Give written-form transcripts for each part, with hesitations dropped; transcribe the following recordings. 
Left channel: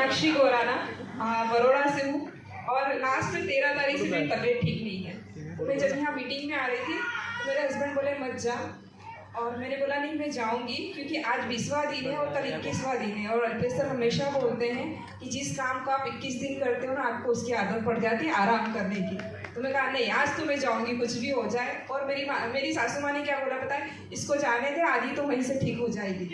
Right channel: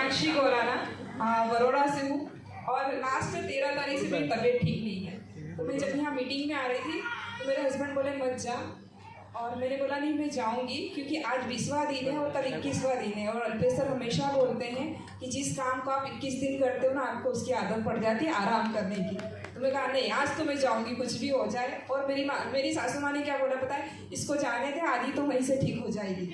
मीनाक्षी गोराना, बड़ौदा से हूँ और लास्ट में 13 तारीख से मेरी तबीयत ठीक नहीं है। तो मैं जब यहाँ मीटिंग में आ रही थी तो मेरे हस्बैंड बोले मत जा, और मैंने बोला नहीं मैं जाऊंगी, क्योंकि आज 20वां दिन है और कल 21वां दिन है। और अल्पेश सर हमेशा बोलते हैं कि जिस काम को आप 21 दिन करते हो ना, आपको उसकी आदत पड़ जाती है आराम करने की। तो मैं कहा नहीं, आज तो मैं जाऊंगी कुछ भी हो जाए। और मेरी सासू माँ ने क्या बोला पता है, इसको जाने दे, आज ही तो वहीं से ठीक हो जाएगी।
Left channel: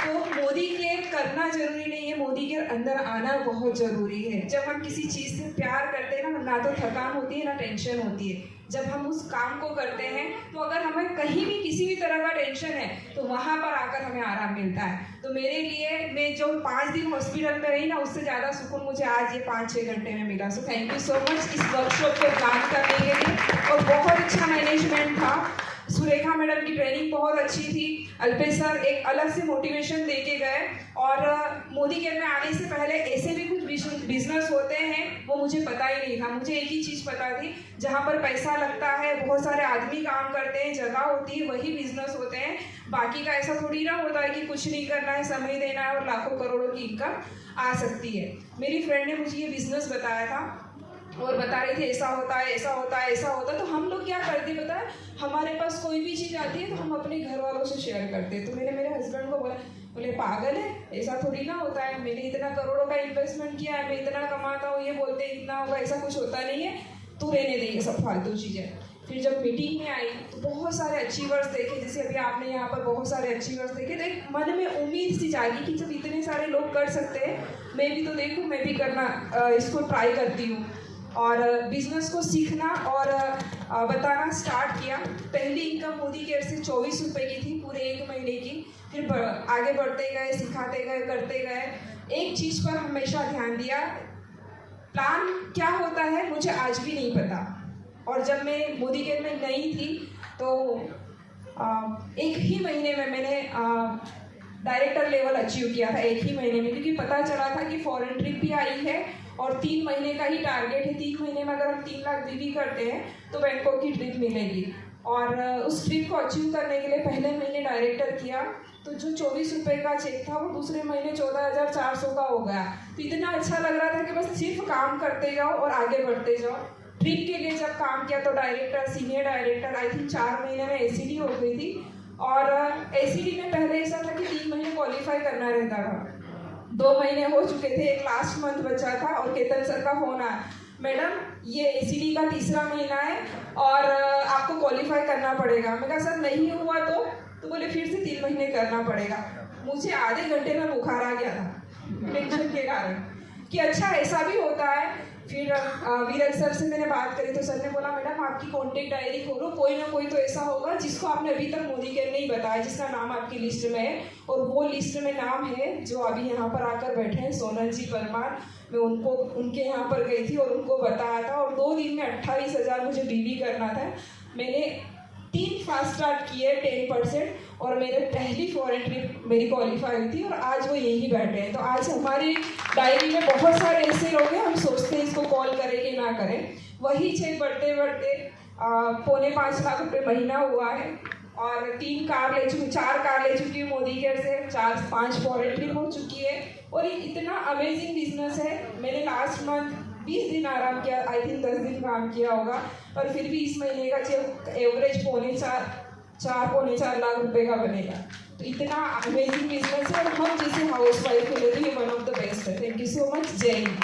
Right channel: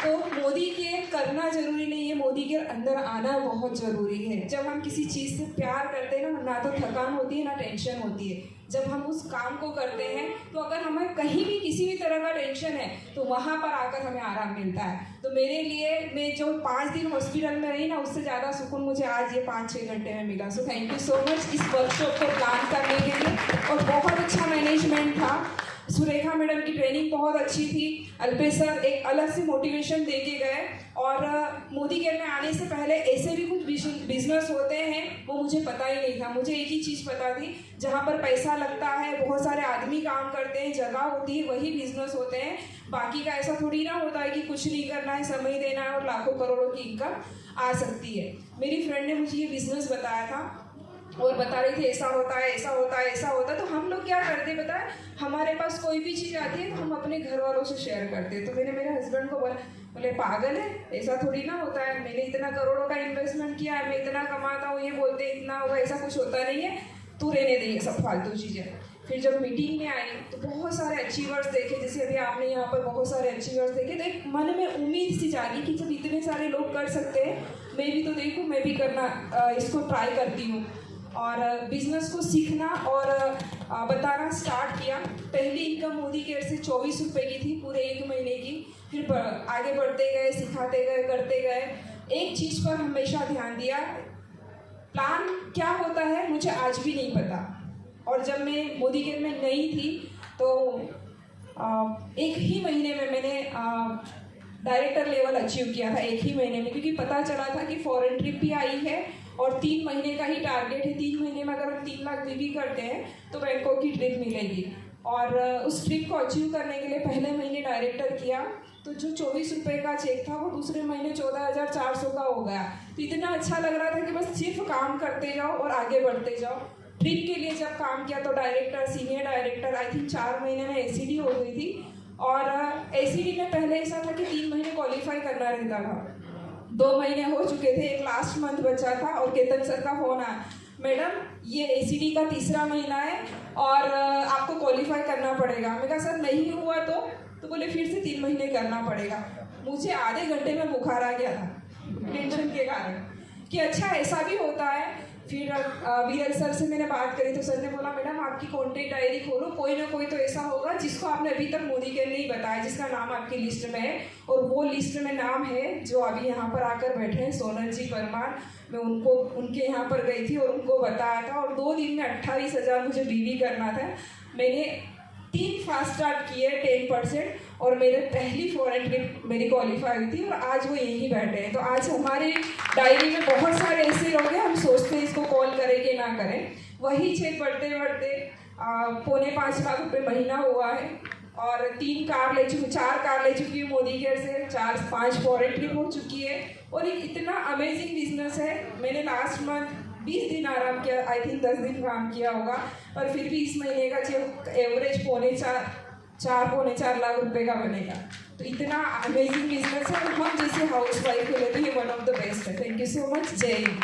तो मोदी के करना जरूरी नहीं है, मोदी के अंदर आना बहुत जरूरी है। जब हम किसी चीज़ से प्यार करते हैं ना तो थकान होती है ना टेंशन होती है। जब हम उस काम को करते हैं तो अगर हमें कहीं भी किसी भी तरह का टेंशन है तो वहाँ पर आकर हमें आराम मिलता है। तो मेरे लिए मैं जो 5 दिन हॉस्पिटल में रही ना, उससे ज़्यादा सुकून मुझे आज ये 5-6 घंटे में मिला। So thank you so much इस वर्कशॉप को प्लान करने के लिए। और बहुत अच्छा मैनेजमेंट था, सुरेखा मैडम की ट्रेनिंग बहुत अच्छी थी, अल्पेश सर एक अलग से मोटिवेशन दे के गए। और मोदी केयर में आने से पहले ऐसे भी कुछ बिजनेस होते हैं वो मुझे पता ही नहीं था। मुझे एक ही चीज़ पता थी, जहाँ पर पैसा लगता है, बहुत सारे आदमी काम करते हैं, जगह होती है, वही बिजनेस होते हैं। बाकी का ऐसा थोड़ी ना होता है कि कुछ नहीं करना है, समय देना है और लाखों करोड़ों की इनकम आ सकती है। मेरी फ्रेंड ने मुझे ये बिजनेस बताया था और बता रही थी ऐसा होता है, ऐसा होता है, ऐसा होता है। तो हम लोग क्या करते हैं पता है, हमारे पास कोई भी चीज़ आती है तो हम अपने घर वालों से शेयर करते हैं। तो मैंने मेरे हस्बैंड को बोले पागल है, ऐसा थोड़ी ना होता है, मैंने इतना करोड़ों का इन्वेस्टमेंट किया है, मैं इतना कमाता हूँ, ये बोलते हैं इतना होगा, ऐसा कुछ होता नहीं है, तू रहने दे ये सब फालतू चीज़ें। फिर जब मीटिंग में आई तो बहुत सारे अचीवर्स देखे, जैसे अभी आपने यहाँ पर बहुत सारे अचीवर्स देखे, तो एक मन में उम्मीद सी जागी कि जब इतने सारे लोग कर सकते हैं, मैं भी तो देखूँ, मैं भी करना इसको ट्राई करती हूँ। और बिजनेस को सीखना और बताना स्टार्ट किया। पहली इनकम मोदी केयर से 24 रुपये की थी पूरे 1 महीने की। फिर आगे बढ़ते गए, सिखाते गए, करते गए। एक चीज़ पर हमेशा ध्यान दिया, प्लान क्या होता है मुझे आज भी नहीं पता। और जब मैं मोदी केयर में नई थी तो 1 ही महीने में मैंने डायरेक्टर लेवल अचीव किया था, 1 ही महीने में, क्योंकि पता चला था कि फॉरेन ट्रिप भी आई है और 3 महीने का ही टारगेट है। 3 महीने में अगर हम 3 लाख भी करते हैं तो बैंकॉक की ट्रिप मिलेगी। और उस ट्रिप को अचीव करने के लिए पहले महीने डायरेक्टर किया तो जो 24 रुपये का चेक था वो दूसरे महीने 14,400 का हो गया। तो इतना अच्छा लग रहा था कि बस सिर्फ काम करते जाओ और आगे बढ़ते जाओ। ट्रिप के लिए जब काम किया तो director, senior director, I think 4 महीने में एसीडी हो गई थी। और एसीडी में पहले ऐसा था कि 3 महीने क्वालिफाई करना रहता था, 2 महीने हो चुके थे, एक लास्ट मंथ बचा था। और केतन सर का फोन आया, मैडम ये एसीडी का 3रा महीना है और आपको क्वालिफाई करना पड़ेगा। मैं कहा सर नहीं हुआ तो बोले फिर से 3 महीने करना पड़ेगा। मुझे आधे घंटे में बुखार आ गया था टेंशन के कारण कि अच्छा ऐसा भी होता है। फिर वीरल सर से मैंने बात करी तो सर ने बोला मैडम आपकी कॉन्टेक्ट डायरी खोलो, कोई ना कोई तो ऐसा होगा जिसको आपने अभी तक मोदी केयर नहीं बताया, जिसका नाम आपकी लिस्ट में है। और वो लिस्ट में नाम है जो अभी यहाँ पर आकर बैठे हैं, सोनल जी परमार। मैं उनके यहाँ पर गई थी और उनको बताया था। और 2 दिन में 28,000 मुझे बीवी करना था। मैंने 3 फास्ट स्टार्ट किए 10%, और मेरे पहली फॉरेन ट्रिप मेरी क्वालिफाई हुई थी और आज वो यहीं बैठे हैं। तो आज हमारी डायरी में बहुत सारे ऐसे लोग हैं, हम सोचते हैं इसको कॉल करें कि ना करें। वही चेक बढ़ते बढ़ते 4.5 लाख रुपये महीना हुआ है। और 4 कार ले चुकी हूँ मोदी केयर से, 4-5 फॉरेन ट्रिप हो चुकी है। और एक इतना अमेजिंग बिजनेस है। मैंने लास्ट मंथ 20 दिन आराम किया, आई थिंक 10 दिन काम किया होगा, पर फिर भी इस महीने का चेक एवरेज 4.5 लाख रुपए का बनेगा। तो इतना अमेजिंग बिजनेस है और हम जैसे हाउस वाइफ के लिए तो ये वन ऑफ द बेस्ट है। Thank you so much. जय हिंद।